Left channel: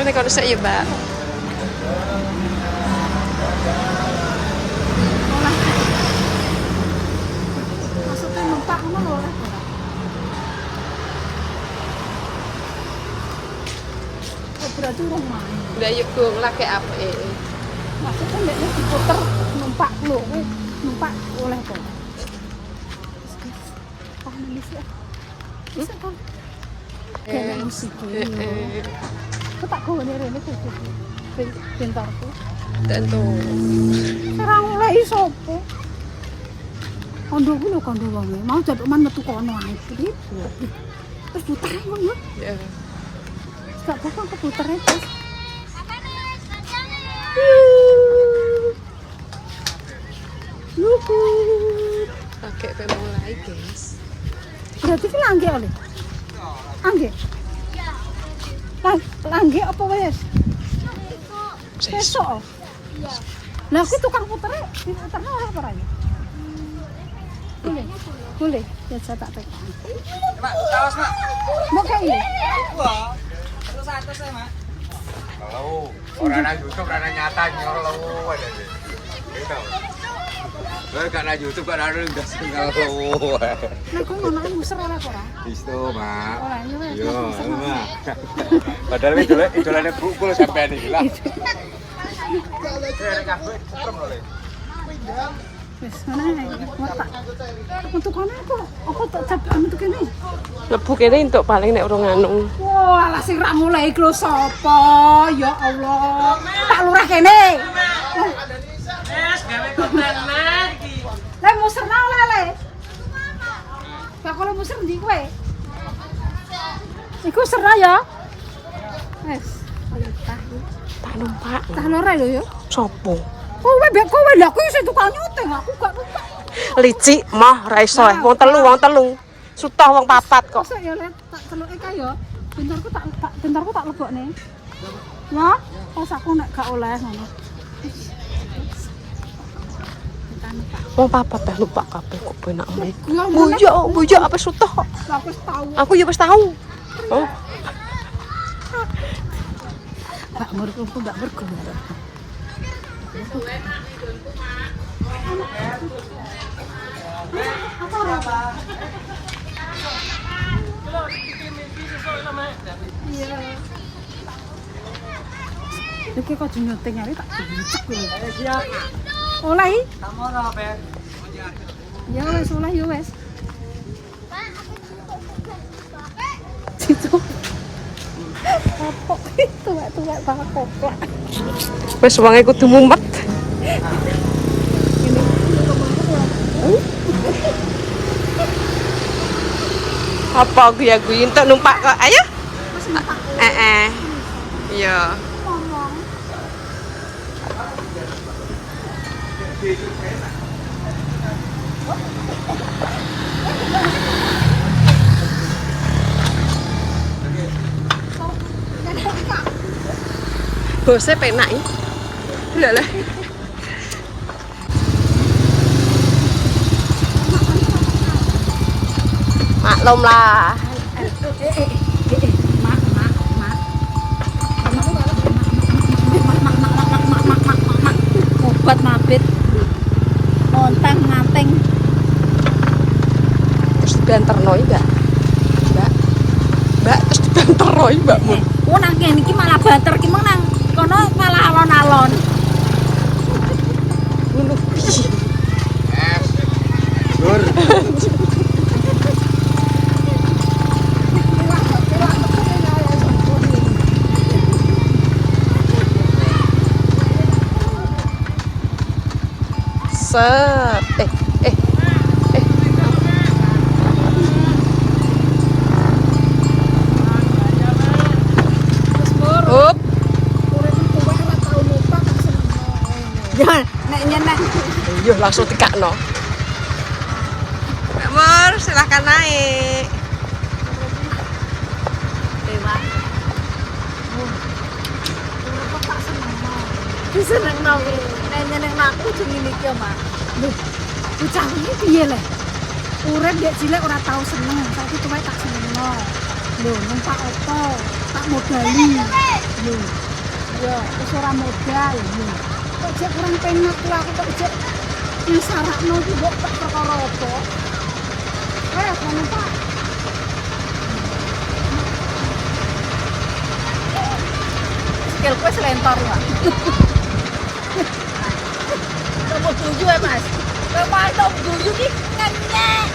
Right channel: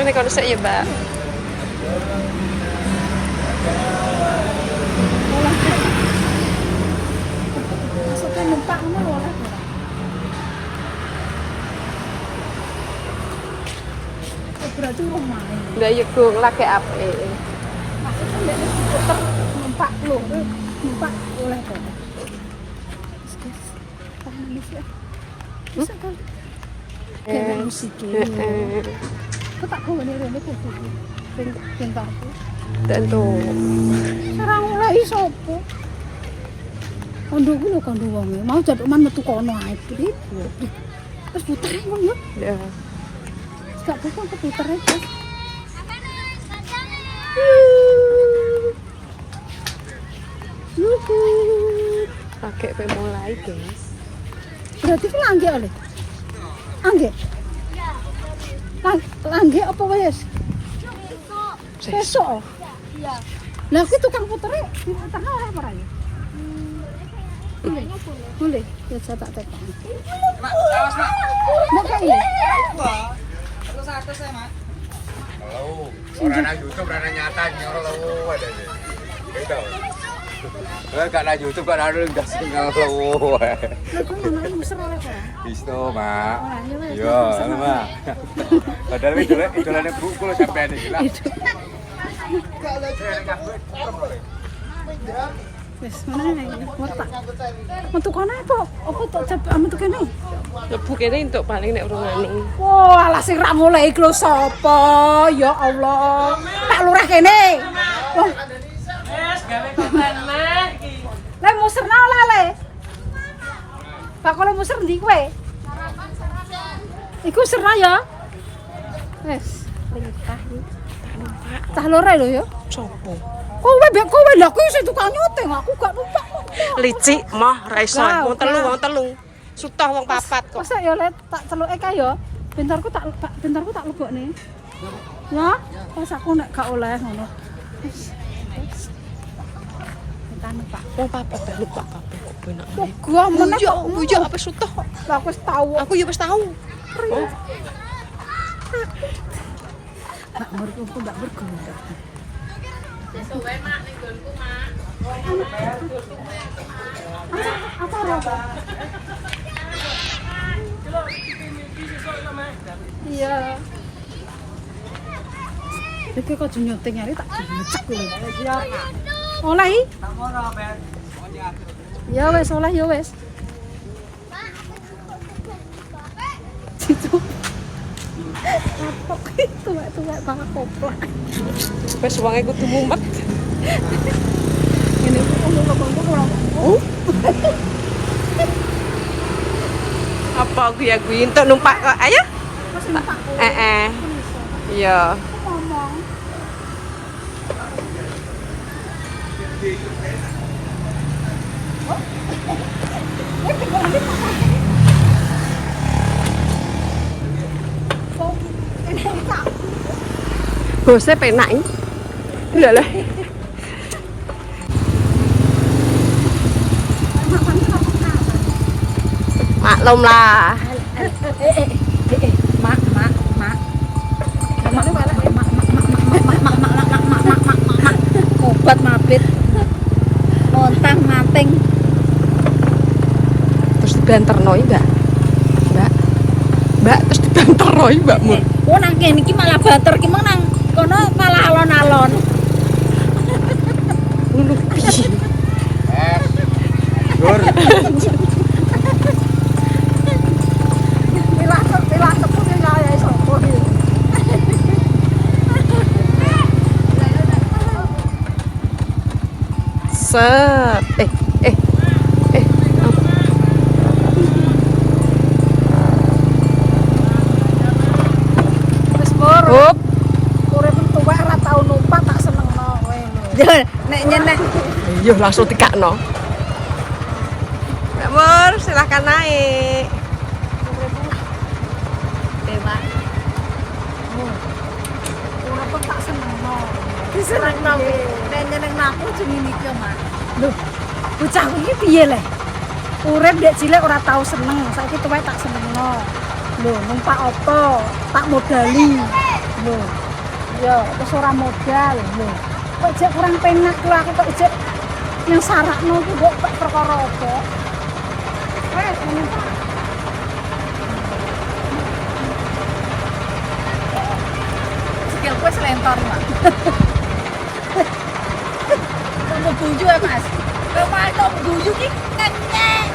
Ini kalau saya ya, Mbak. Olah. Maksudnya numpak ngono lho oleh ora. Oh, berarti urung main. Enggak yuk gue lagi apa? Maksudnya nek diputer numpak lho, numpak oleh to. Oh, Indonesia. Bisa kan? Kayak musik yo. Kok tak kowe rene kok. Pintarku. Tentu. Ora oleh sapa. Kondoku lho kondo wonge. Mau jaduk man metu kono ae. Wis puter ngono. Ya. Gak bakal keputer itu. Yuhu. Pakai mulai, guys. Berarti ki langge oleh. Angge. Langge apa wis? Besok. Lah aku tukang putere, diputerno ora parane. Boleh, bisa tak tekan. Mak, awas mak. Mau kayak ini? Terus atas ya mak. Halo, orang na YouTube na nyata nyolo ada ni. Itu. Kalau kat na YouTube kat ada dah nyolo. Nah, kau mana kan besar lah korang? Isto, Mak. Orang ya, Mas. Yo, Mak. Padahal itu lane pukul sampai ni lah. Itu. Wes, mana ini? Warta. Untuk kono kok? Apa tak capek anu tuh kene? Lebu kene entuk paling nek urung anu. Wah, alah sing ra mulai iki lho sapa? Ya Allah. Tak lurah kene. Wah. Wes gawe konten lagi. Le muserna ora le. Bakal muser ndi kowe? Iku serna ya. Wes, perintah iki. Tak numpak. Cah lore lho ya. Sopo? Kowe lho kuwi sing tukang nyoteng, aku gak numpak. Licik mah ra iso. Wong telu. Sutah wong papat kok. Kok ya le tak celuke kae ya. Bentarku tak lebokne. Ya, pas aku nek gak oleh ngono. Kita numpak. Wong papat dah lupa kabeh kok penak ae. Gua meneh. Bujak apa sutah kok. Lah aku wis tau. Aku ya wis tahu. Kok menurutku itu ndak berguna. Apa apa? Iya. Iki kok nyoteng ari tak gecek lho. Oleh. Ya wes oleh ya wes. Kapok itu tua kapok lah. Wis wonge kudu mumet. Ini ngomong-ngomong kurang. Apa aku ya gue entuk numpak kok. Ayo. Mas numpak. Iya. Ngomong. Bose penak iki. Lha lah. Maklum lah. Obat mabit. Ontang nganting. Wis dibanterno iki, Mbak. Mbak, wis dibanterno iki, Mbak. Oh nang kene iki malah banter ki mong nang kono malah alon-alon. Nek nyeneh Yo langsung dikakno. Mbak Mur, silahkan naik. dewa. Ora kok tak senengno. Disenengno. Nek nyenengno aku jenenge iki, Mas. Lho, bocah iki piye le? Urip ndek cilik ora tau seneng, saiki tuwek tak senengno. Lho, numpak apa? Tak modali. Lho. Yo, wis ora modal lho. Kok jek kurang penak tuh aku kok jek yang sarakno iki mbok perkara apa? Wes ngono Pak. Sikilku wis lentor Mas. Kamu buju ya Mas? Ya Mas, kamu buju ki nyenyek.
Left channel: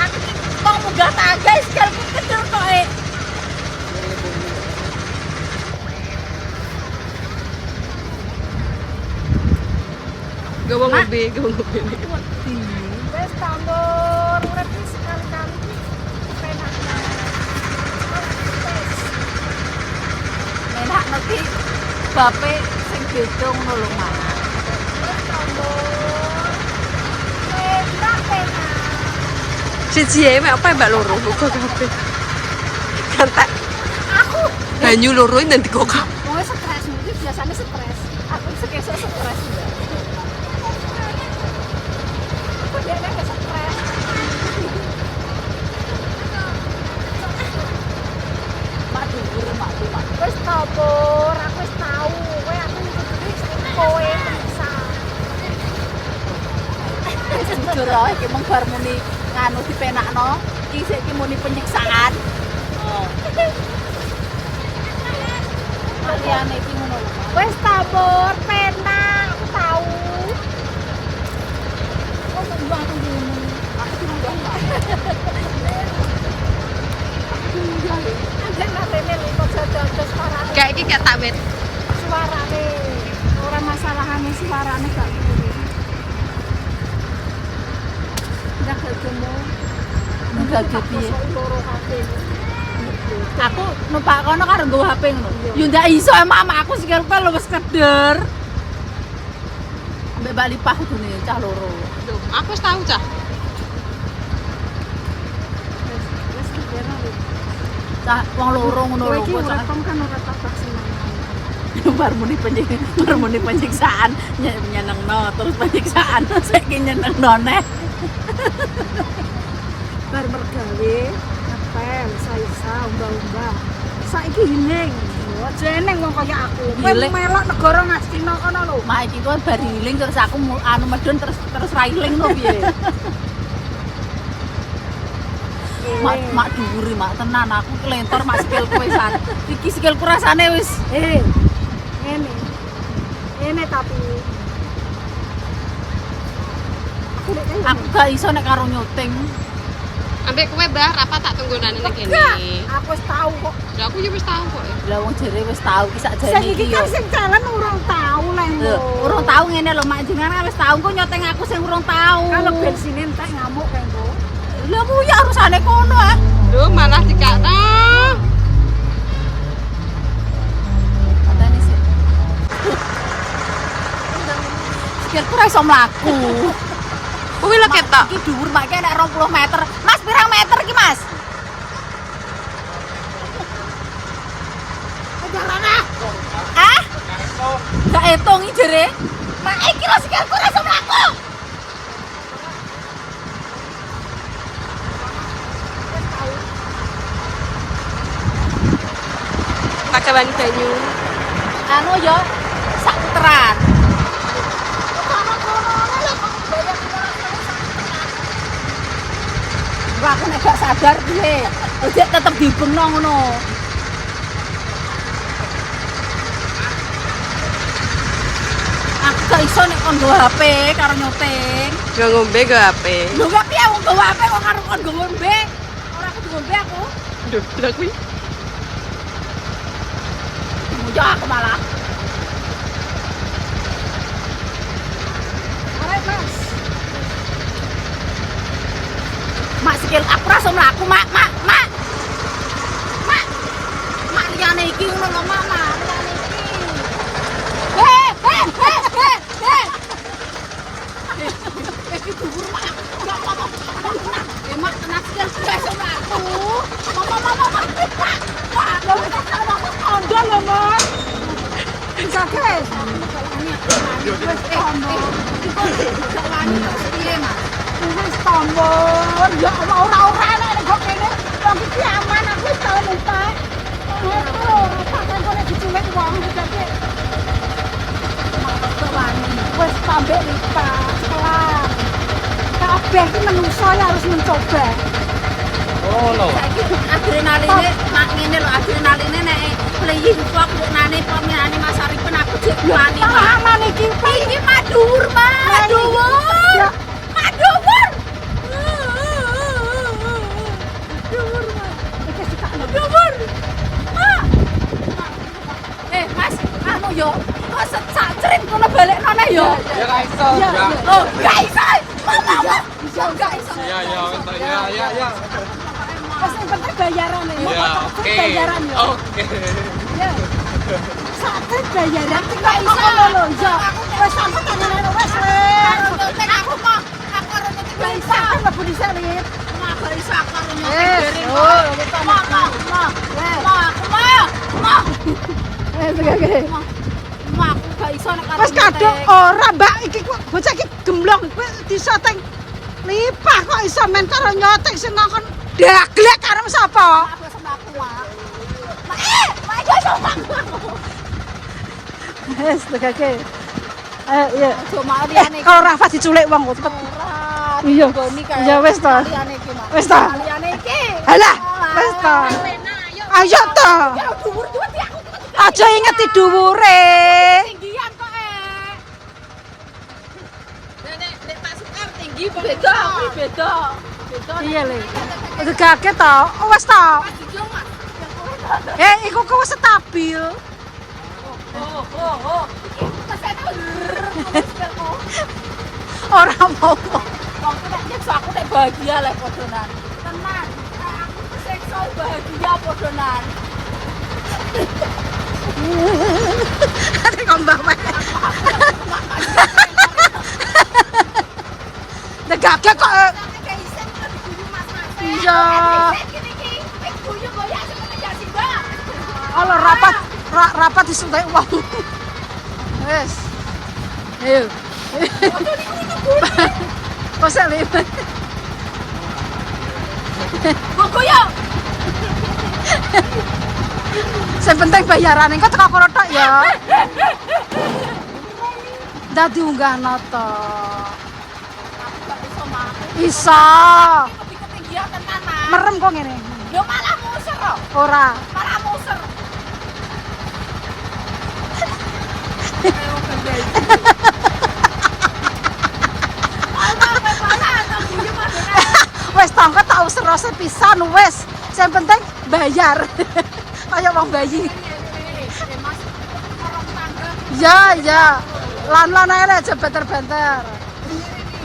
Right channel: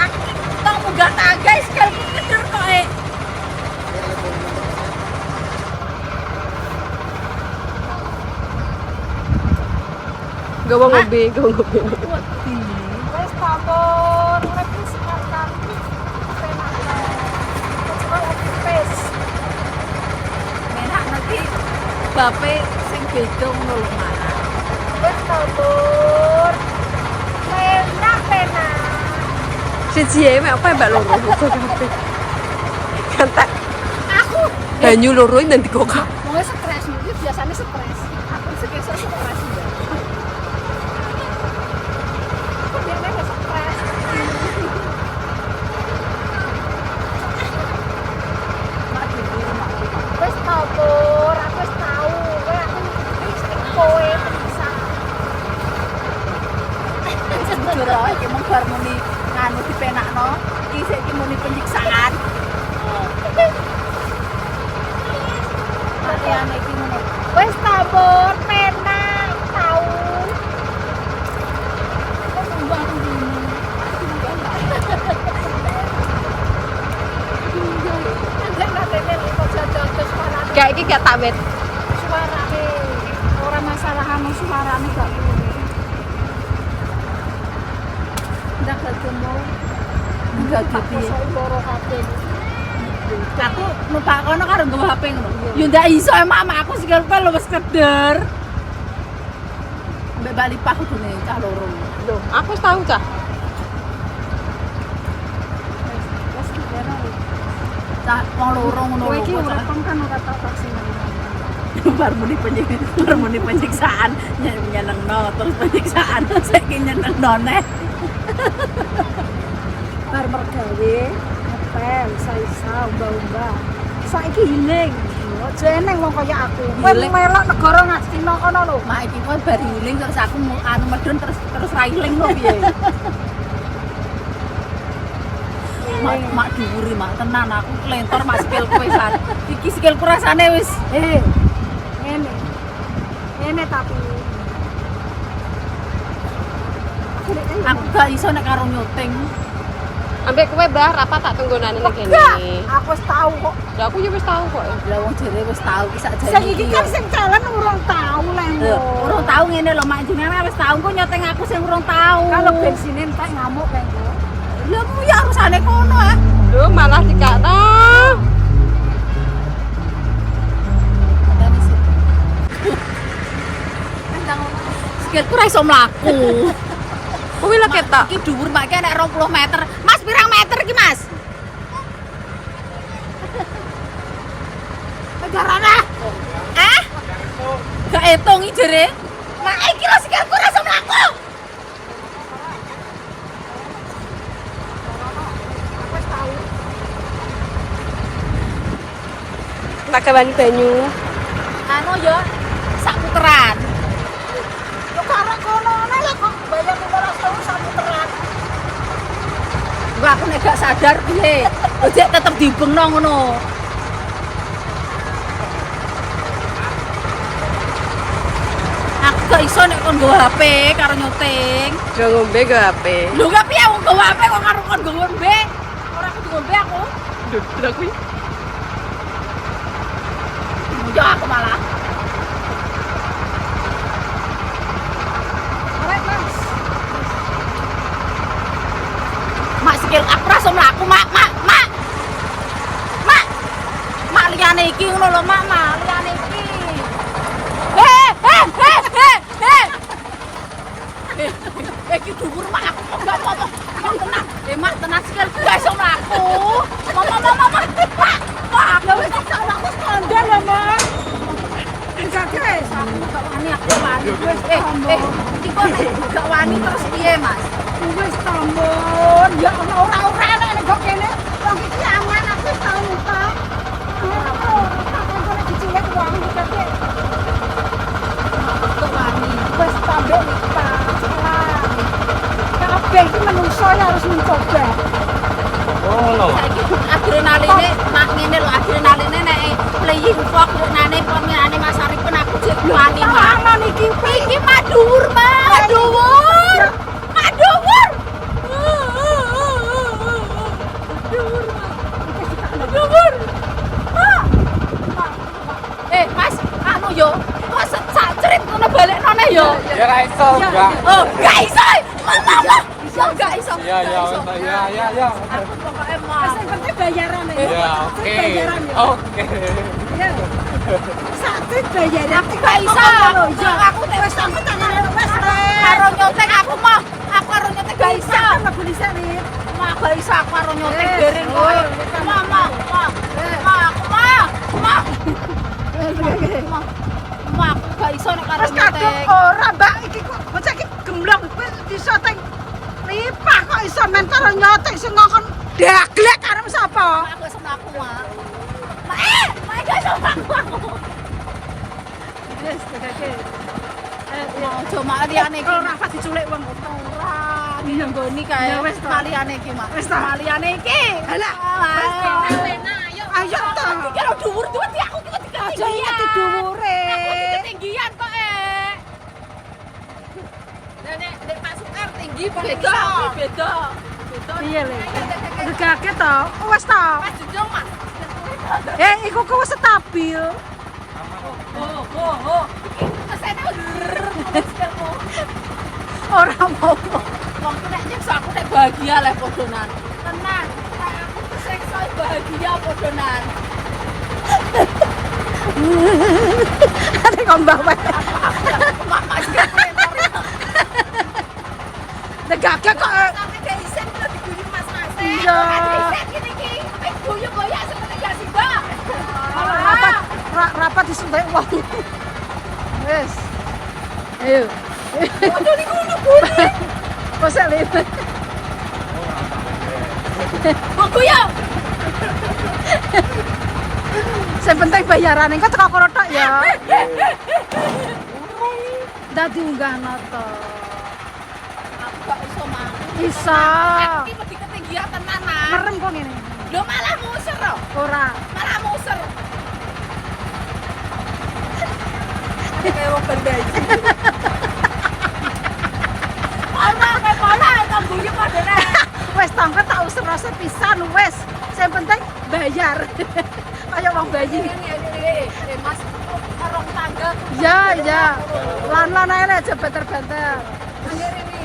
Aku mau munggah tangga sikilku kedur kok Gawa ngobe. Wes kabur, urip iki sekali-kali penak lho. Sekolah pipis. Enak iki bape sing beda ngono lho, Mas. Wes kabur. Penak. Siji ae mek apa mbak loro kok kabeh. Kantek Aku banyu loro nanti kok kabeh. mau stres iki biasanya stres. Aku sekesuk stres Mbak. Aku dia nek stres. Mak di rumahku, Mak. Wis kabur, aku wis tau. Kowe aku ngikuti saiki kowe penyiksa. Wis jujur ae iki mung bar muni nganu dipenakno, iki saiki muni penyiksaan. Oh. Liyane iki ngono lho. Wis kabur, penak, aku tau. Kok nunggu aku ngene. Aku diunggah enggak? Anjir rene lho jajal suarane. Kayak iki gak tak wet. Suarane. Ora masalah anu suarane gak ngono. Ndak ketemu. Ndak piye. Loro kabeh. Aku numpak kono karo nggo HP ngono. Yo ndak iso emak aku sikilku lho wis keder. Mbek bali pah kudune cah loro. Lho, aku wis tau cah. Wes kira lho. Cah wong loro ngono lho. Kowe iki urip kan ora tak seneng. Bar muni penyiksaan nyenengno terus penyiksaan saiki nyenengno neh. Bar mergawe ngepel saisa umba-umba. Saiki hiling. Aja eneng wong kaya aku. Kowe melok negara ngastina kono lho. Mak iki kowe bar hiling terus aku anu medun terus ra hiling lho piye. Mak dhuwuri mak tenan aku kelentor mak sikilku wis. Iki sikilku rasane wis ngene. Ngene tapi aku gak iso nek karo nyuting. Ambek kowe Mbah apa tak tunggonane ning kene. Aku wis tau kok. Lah aku yo wis tau kok. Lah wong jere wis tau ki sakjane iki. Sing kan sing jalan urung tau lho. Urung tau ngene lho mak jenengan wis tau kok nyuting aku sing urung tau. Kalau bensine entek ngamuk kae engko. Lah mu ya urusane kono ah. Lho malah dikakno. Sikilku ra iso mlaku. Kuwi lho ketok. Iki dhuwur mak iki nek 20 meter. Mas pirang meter iki, Mas? Ajarana. Hah? Gak etung iki jere. Mak iki lho sikilku ra iso mlaku. Tak kawani banyu. Anu ya sak puteran. Wah, aku nek gak sadar piye. Ojek tetep dibengno ngono. Aku gak iso nek kon nggo HP karo nyuting. Jo ngombe go HP. Lho gak piye wong nggo HP kok karo kon nggo ngombe. Ora kudu ngombe aku. Duh, lha kuwi. Mujo aku malah. Arek, Mas. Mak sikil aku ra iso mlaku, Mak. Mak liyane iki ngono lho, Mak, liyane iki. Iki dhuwur Mak aku gak apa-apa. Mak tenan sikil gak iso mlaku. Mama. Lah wis tak aku kandhan lho, Mas. Bisa guys. Gak wani aku wani wis iki kok gak wani terus piye, Mas? Wis tambon. Ya ora nek kok kene wong iki aman aku tau numpak. Ora kan kok nek diculik kabeh iki menungso ya harus mencoba. Saiki adrenaline mak ngene lho, adrenaline nek playing pop yo nane peminane Mas Arifen aku jek wani mak. Sama niki Iki madur, madur. Madur. Madur. Mas, anu yo, kok sak cerit ngono balekno ne yo. Ya ra iso, Ya, Mbak. Oh, gak iso. Mama, gak iso. Ya. Aku pokoke mau. Wis sing penting bayaran ya. Oke. Bayaran ya. Oke. Ya. Sakit bayaran Gak iso. Ya. Aku Wis sampe tangan wis. karo nyoteng aku mau. Aku karo nyoteng gak iso. Kan mlebu dhisik Rip. Mak gak iso aku karo nyoteng dereng kok. Mama, aku mau. Mak aku gak iso nek karo Wis kadung nyoteng. ora Mbak iki bocah iki gemblong wis disoteng. Lipah kok iso men karo nyoteng sing ngongkon daglek karo sapa? Aku wis mlaku, Mak. Mak gak iso Mak. Wis tegake. Iya. Ojo mak liyane iki. Kalau Rafa diculik wong kok. Ora. Iya. Goni kae. Ya wis to. Liyane iki, Mak. Wis to. Liyane iki. Halah, wis to. Ayo to. Karo dhuwur iki aku iki. Aja ingeti dhuwure. Tinggian kok Nek pasukan tinggi beda. Iya le. Itu kaget to. Wis to. Wis dijong, Mas. Iku ku wis stabil. Oh. Kesene. Ora mau. Wong nek nyiksa aku nek bahagia le podonan. Tenan. Aku kesiksa bahagia podonan. Ada ngambah wae. Degake kok. Nek isen kok diguyur Mas. Iya. Isen iki. Nek guyur boya semene gak sih, Mbak? Kalau rapat disuntik wong. Wis. Ayo. Ojo niku ngono. Wis le. Kok guyur? Sing penting bayaran engko teko kono tok ya. Dadi unggahno to. Aku gak iso mak. Isa. Iki wedi ketinggian tenan, Mas. Merem kok ngene. Lho malah muser kok. Ora. Malah muser. Kayak wong bendai. Malah tak guyu padane. Wis tangga tak usah pisan wis. Sing penting bayar. Kayak wong bayi. Mas, orang tangga. Ya. Lan-lan ae aja benter-benter.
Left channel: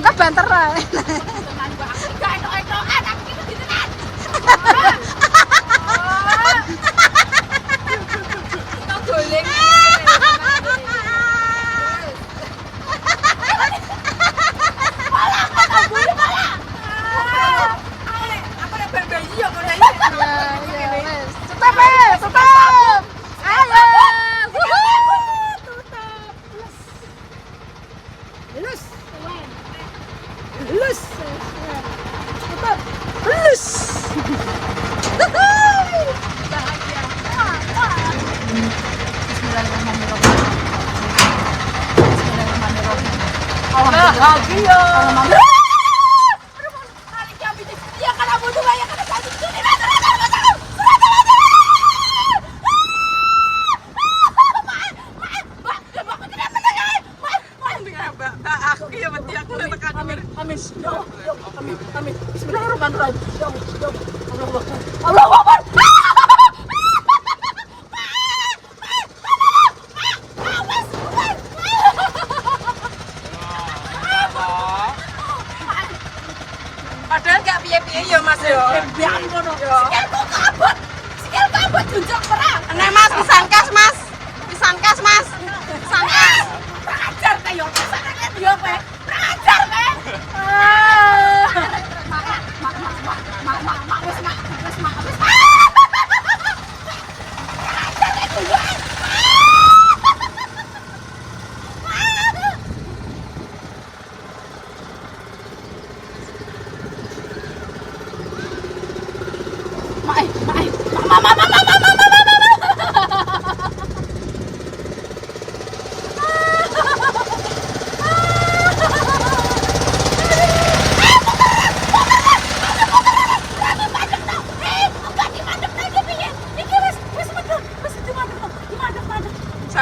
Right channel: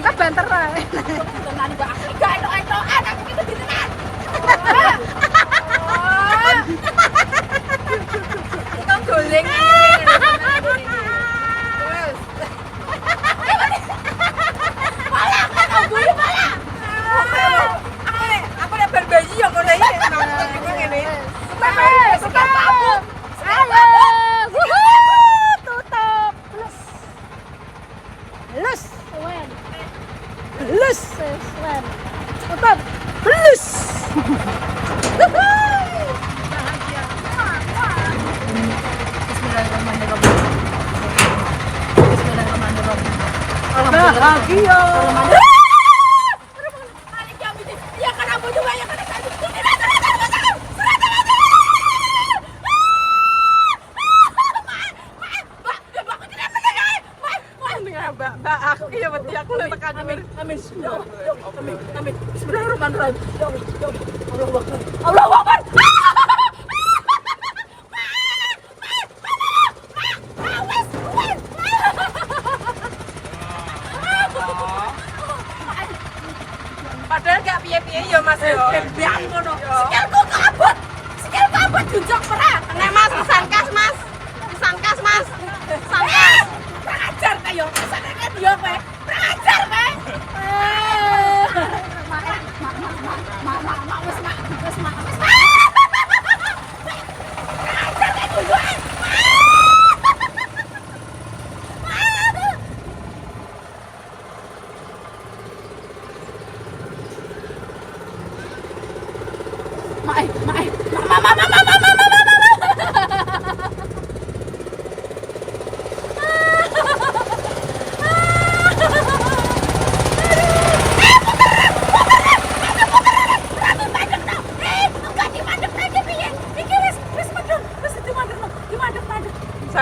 Ka benter ae. Tenan Mbak. Gak etok-etokan aku iki wedi tenan. Kita doling. Aku nek berbayi yo ngono iki. Tutup. Ayo. Tutup. Lus. Lus. Tutup. Lus. Bismillahirrahmanirrahim. Bismillahirrahmanirrahim. Alhamdulillah. Ya kan aku tuh banyak kan satu. Mbak, aku ki ya wedi aku lek tekan amin. Amin. Amin. Bismillahirrahmanirrahim. Ya Allah. Allah Akbar. Padahal gak piye-piye ya Mas yo. Sikilku kabut junjung perang. Nek Mas pisankas Mas. Pisankas Mas. Pisankas. Prajar kayak kesana kan dia kowe. Prajar kowe. Mak wis mak. Prajar kayak kowe.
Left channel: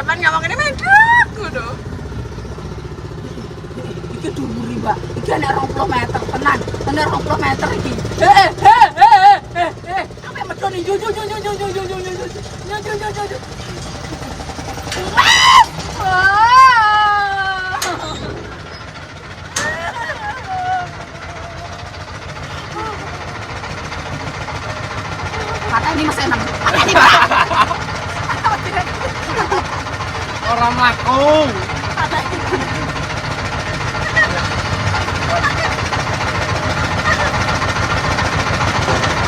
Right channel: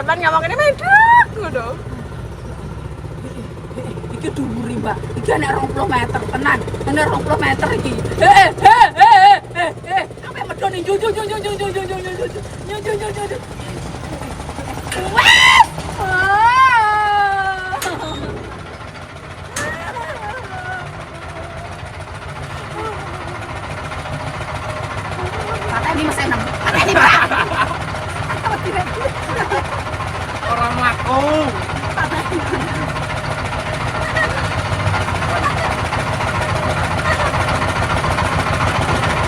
sampean ngomongane medhek ngono. Iki dhuwuri, Mbak. Iki ana 20 meter tenan. Ana 20 meter iki. Sampe medhone yo. Kata ini Mas Enam. Kata ini, Pak. Orang laku.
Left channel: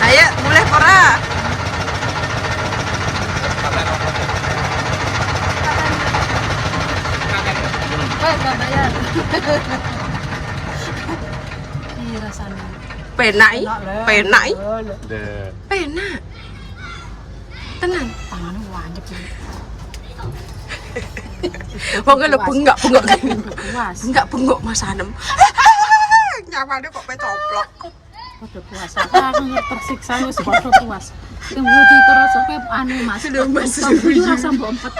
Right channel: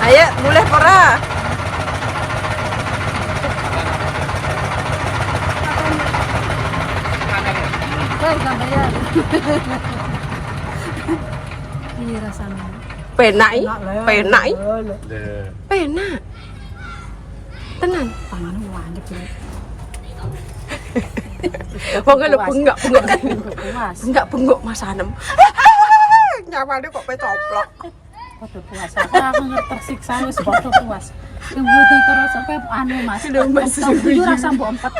Ayo, mulai pora. Iya rasanya. Penak i. Penak. Deh. Penak. Tenan. Tangannya wanjep ya. Wong lho bengak gini. Puas. Bengak Mas Anem. Nyawane kok pecoplok. Padha puasa. Aku tersiksa wis padha puas. Kemudian terus sampe anu Mas. Sudah Mas. Aku rasa mbok empet.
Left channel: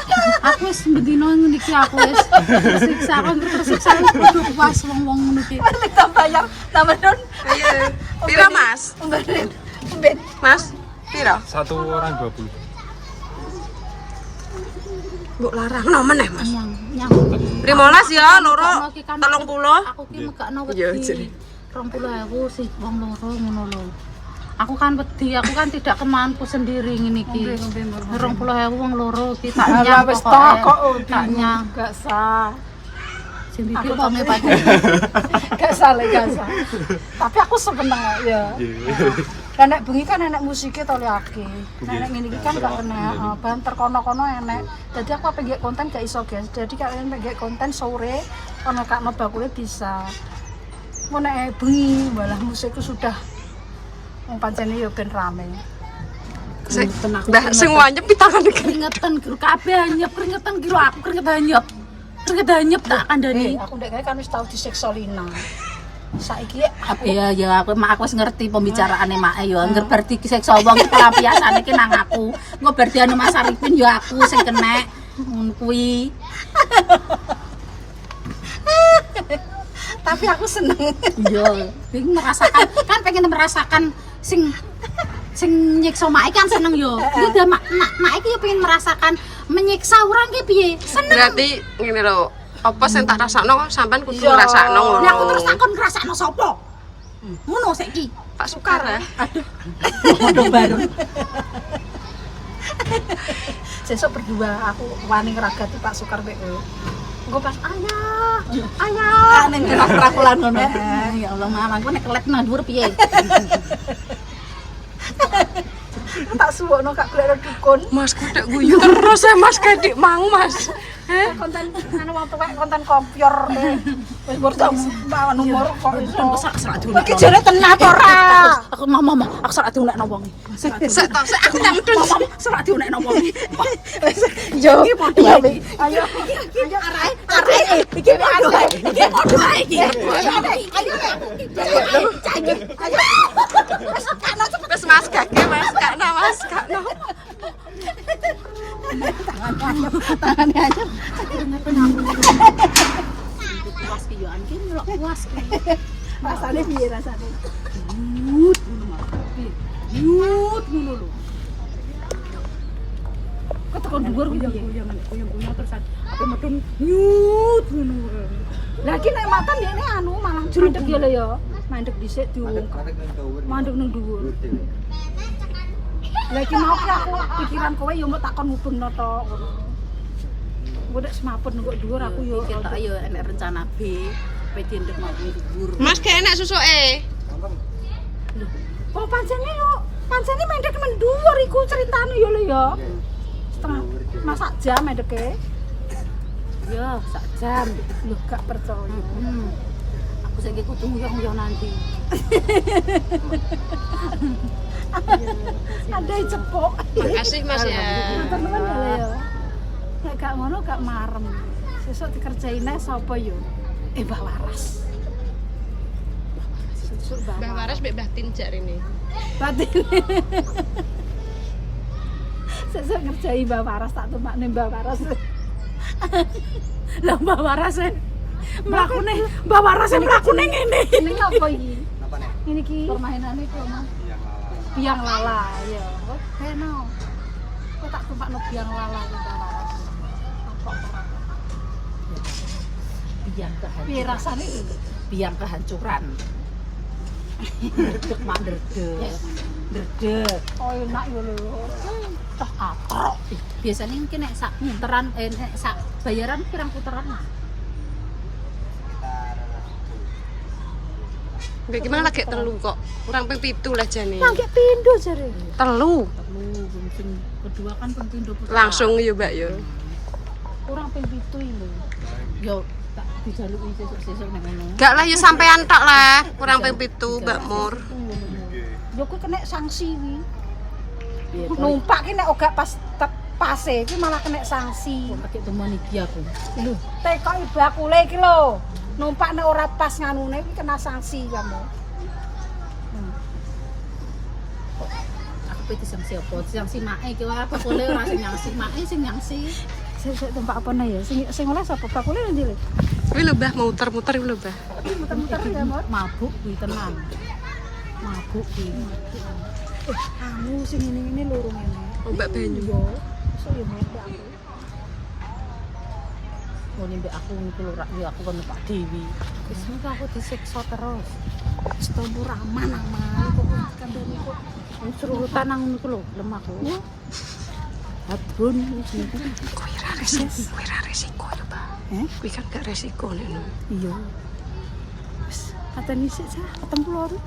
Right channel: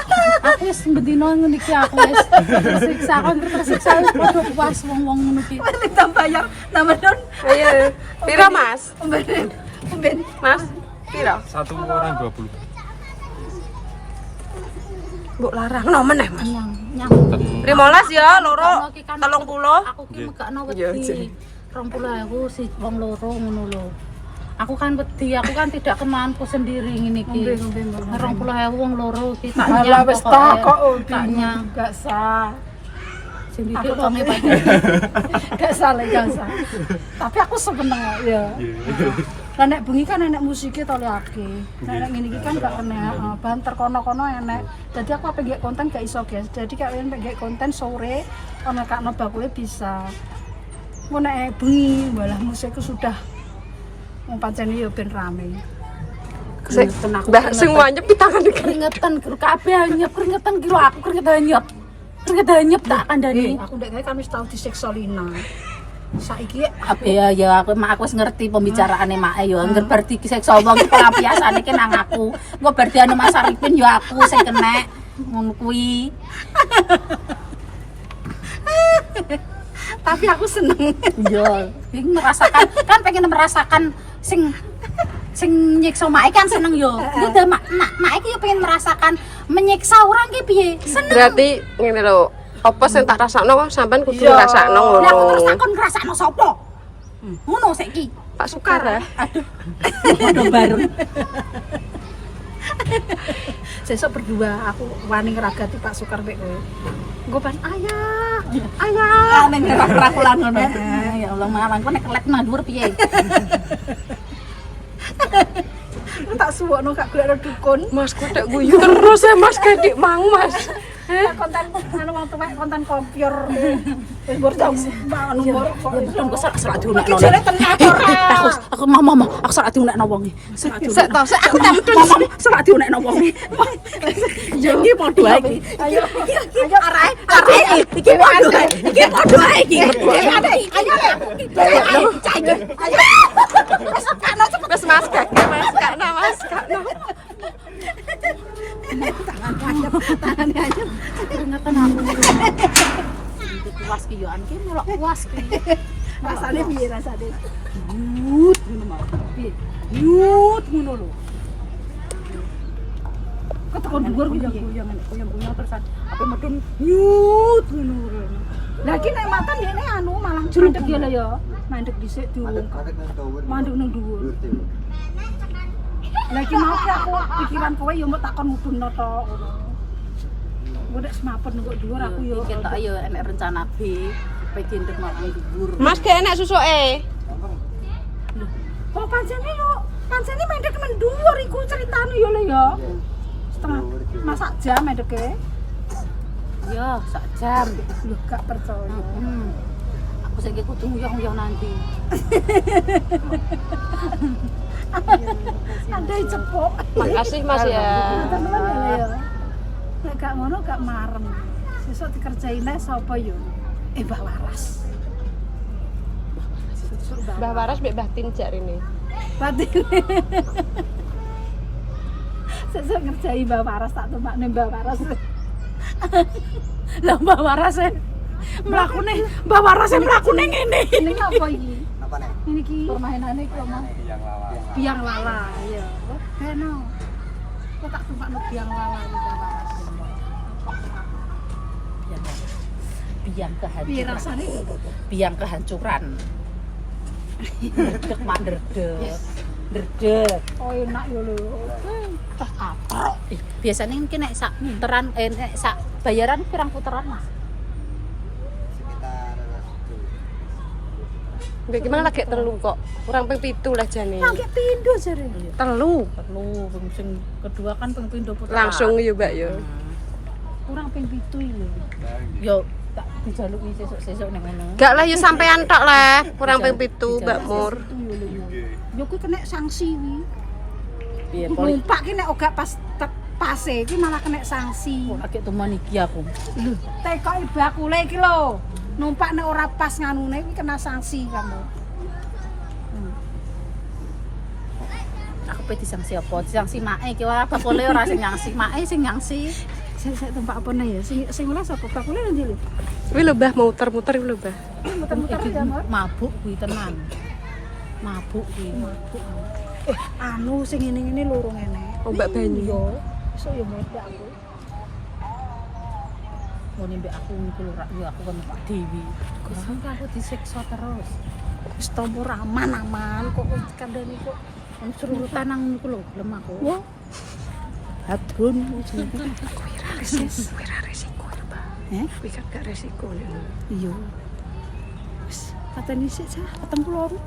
Aku wis bendino ngono iki aku wis tersiksa. Aku tersiksa wis padha puas wong-wong ngono iki. Minta bayar nama Don. Ayo. Pira Mas? Ben. Mas, pira? Satu orang 20. Mbok larang no meneh Mas. Nyang. 15 ya, loro 30. Aku ki megakno Iya, wedi. 20.000 sih wong loro ngono lho. Aku kan wedi, aku kan tidak kemampu sendiri ngene iki. 20.000 wong loro ki tak nyang wis tak nyang gak sah. Sing iki wonge padha. Gak sah. Tapi aku seneng ya. Lah nek bengi kan enek musike to liake. Nek ngene iki kan gak kena banter kono-kono enek. Dadi aku apa nggih konten gak iso, guys. Jadi kalian nggih konten sore ana kakno bakule bisa. Mau nek bengi malah musikku sudah wong pancene ya ben rame. Mbah sing wanyep di tangan iki. Keringetan guru kabeh anyep, keringetan guru aku keringetan anyep. Keringetan anyep tak kandhani. Aku ndek kan wis tau disiksa Lina. Saiki ya aku mak aku wis ngerti pembicaraane mak ya. Angger berarti disiksa wong iki pelampiasane ki nang aku. Engko berarti anu Mas Arifin ya aku sing kena ngono kuwi. Tapi aku seneng. Iya, kan pengen merasakan sing nyiksa mak kan seneng yo. Udah mak iki yo pengen merasakan menyiksa orang ki piye? Seneng. Berarti ngene lho, apa sing tak rasakno sampean kudu ngrasakno ngono. Lah aku terus takon ngrasakno sapa? Ngono saiki. Pak Sukar ya. Padha bareng. Sesuk berdua aku wani ngragati Pak Sukar mek kowe. Engko pas ayah. Ning rakulan ngono. Ya Allah, malang kok nek kelet nang dhuwur piye? Tak suwokno gak golek dukun. Mas kok tak guyu terus ya Mas kadik mau Mas. Konten anu wong tuwek konten kompyor. Wis bortong nomor kok betul kok sak diunekno. Iki jare tenan ora. Aku mama, aku sak diunekno wong iki. Sak sak diunekno wong iki. Yo iki padha iki. Ayo arae iki anu. Iki padha iki. Ayo. Terus Mas kakek Mas kakno Mas kakno. Tangannya aja keringetan aku. Puas ki yo anke nyelok puas ki. Rasane piye rasane? Yut ngono mah. Piye? Yut ngono lho. Ketekon dhuwur goyang-goyang terus ape medun yut ngono. Lah iki nek matan dene anu malah mandek ya lho ya. Mandek dhisik diungkap. Mandek nang dhuwur. Lagi mau ki aku pikiran kowe yo mbok takon ngubungno to ngono. Engko nek semaput nunggu dhuwur aku yo ketok yo enek rencana B, pengen ndek mau dhuwur. Mas gak enak susuke. Lho, kok pancene mendek men dhuwur iku ceritane yo lho ya. Setengah masak jam mendeke. Yo, sak jam. Lho gak percaya. Aku saiki kudu nguyah-nguyah nanti. Ada cepok. Makasih Mas ya. Teman-teman ya. Nek gak ngono gak marem. Sesuk dikerjaine sapa yo? Mbah Waras. Mbah Waras mbek Mbah Tin jarine. Batin. Sesuk ngerjai Mbah Waras tak tumakne Mbah Waras. Lah Mbak Waras mlakune, Mbak Waras mlakune ngene. Ini apa iki? Apa nih? Ini ki permainane iki lho, Mas. Yang lala. Biang lala, ya. Beno. Kok tak tumpakno biang lala iki Waras. Biang Piye kehancuran. rasane iki? Biang kehancuran. Derdek mak derdek. Derdek. Oh enak ya lho. Tah atrok. Biasanya ini nek sak puteran nek sak bayaran pirang puteran Mas? Sekitar Mbak gimana lagi telu kok? Kurang ping 7 lah jane. Yang ki pindho jare. Telu. Perlu sing kedua kan ping pindho puteran. Langsung ya, Mbak ya. Kurang ping 7 lho. Yo tak dijaluki sesuk-sesuk nang ngono. Gak lah ya sampean tok lah. Kurang ping 7 Mbak Mur. Yo ku kena sanksi wi. Piye poli Numpak ki nek ora pas pase ki malah kena sanksi. kok lagi teman iki aku. Lho, tekoki bakule iki lho. Numpak nek ora pas nganune iki kena sanksi kamu. Aku pe disangsi apa? Disangsi mae iki ora bakule ora sing nyangsi, mae sing nyangsi. Saya tempat apa ya? Sing oleh sapa? Bakule ndi lho? Kuwi lho Mbah mau muter-muter kuwi lho Mbah. Muter-muter Iki ya, Mor. mabuk kuwi tenan. Mabuk kuwi. Anu sing ngene-ngene loro ngene. Ombak banyu. Yo, besok yo meledak aku. Ngene mbek aku niku lho rak yo aku kan Pak Dewi. Kenapa aku disiksa terus? Wis tombor aman-aman kok kandhane kok Wong surutan nang niku lho lemah aku. ya Hadrun. Kuwi ra resiko lho Mbah. Kuwi kan gak resiko lho. iya. Wis katanya sik ketemu loro.